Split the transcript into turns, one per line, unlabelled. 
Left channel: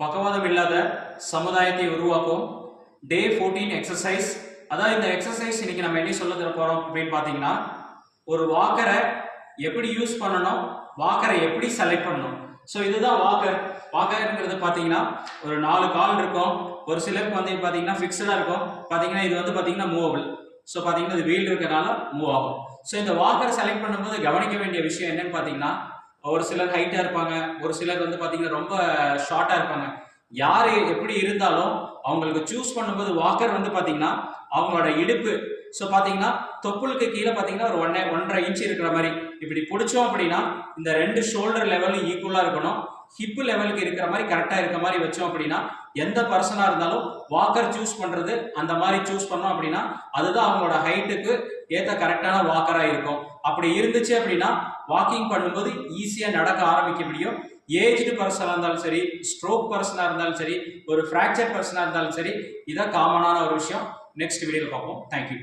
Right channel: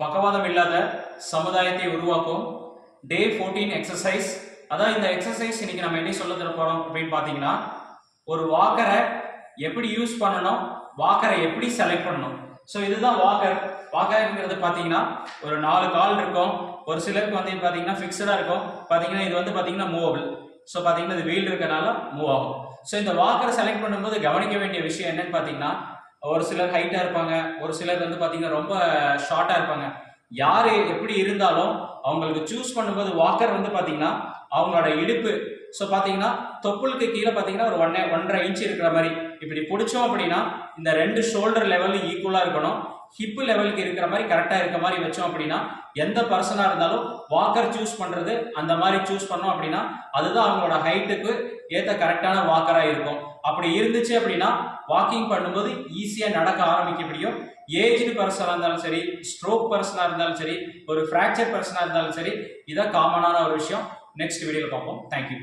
பக்கவாதம் இல்லாத சமுதாயத்தை உருவாக்கும். டே ஃபோர்டீன் எக்ஸசைஸ் அதான் இந்த எக்ஸசைஸ் இன்னைக்கு நம்ம என்ன சொல்ல தர போறோம் அப்படின்னு பார்த்தீங்கன்னா ஒரு வாக்கரை எப்படி யூஸ் பண்ணணும் வாக்கரை எப்படி செலக்ட் பண்ணணும். ஸோ இதுதான் வாக்கர் வாக்கர்ங்கிறது பார்த்தீங்கன்னா ஒரு நாலு கால் இருக்கும். ஒரு சிலருக்கு வந்து பார்த்தீங்கன்னா ஃபிக்ஸடாக இருக்கும். பார்த்தீங்கன்னா இது வந்து பார்த்தீங்கன்னா மூவபிள் ஸோ பார்த்தீங்கன்னா இது வீல் இருக்கனால மூவ் ஆகும். ஸோ இந்த வாக்கரை செலக்ட் பண்ணும்போது கவனிக்க வேண்டிய விஷயம் என்னன்னு பார்த்தீங்கன்னா ஒரு சிலர் ஹைட்டாக இருப்பாங்க ஒரு சிலர் வந்து பார்த்தீங்கன்னா ரொம்ப ஷார்ட்டாக இருப்பாங்க. யார் எப்படி இருந்தாலும் அவங்களுக்கு சூஸ் பண்ணும்போது வாக்கர் வந்து பார்த்தீங்கன்னா அவங்களோட இடுப்பு. ஸோ பார்த்தீங்கன்னா தொப்புளுக்கு கீழே பார்த்தீங்கன்னா ஒரு ஒன்னே ஒன்றரை இன்ச் இருக்கிற மாதிரி. இப்படி பிடிச்சோம் அப்படின்னா இந்த ரெண்டு ஷோல்டர் லெவலும் ஈக்குவலாக இருக்கணும். ஹிப்பு லெவலுக்கு இருக்கிற மாதிரி கரெக்டாக இருக்க மாதிரி வச்சோம் அப்படின்னா எந்த பர்சனாக இருந்தாலும் வாக்கர் சூஸ் பண்ணுறது அந்த மாதிரி சூஸ் பண்ணோம் அப்படின்னா அதுதான் அவங்களோட ஹைட்டுக்கு ஏற்ற கரெக்டான வாக்கராக இருக்கும். அப்படி இருந்துச்சு அப்படின்னா வாக்கிங் பண்ணும்போது ஈஸியாக நடக்க ஆரம்பிக்க முடியும். ஏஜ்டு பர்சனாக இருந்தாலும் சரி ஸ்ட்ரோக் பர்சனாக இருந்தாலும் சரி ஒரு ஃப்ராக்சர் பர்சனாக இருந்தாலும் சரி இதான் காமனான ஒரு விஷயம். நெக்ஸ்ட் வீடியோவில் பார்ப்போம். தேங்க்யூ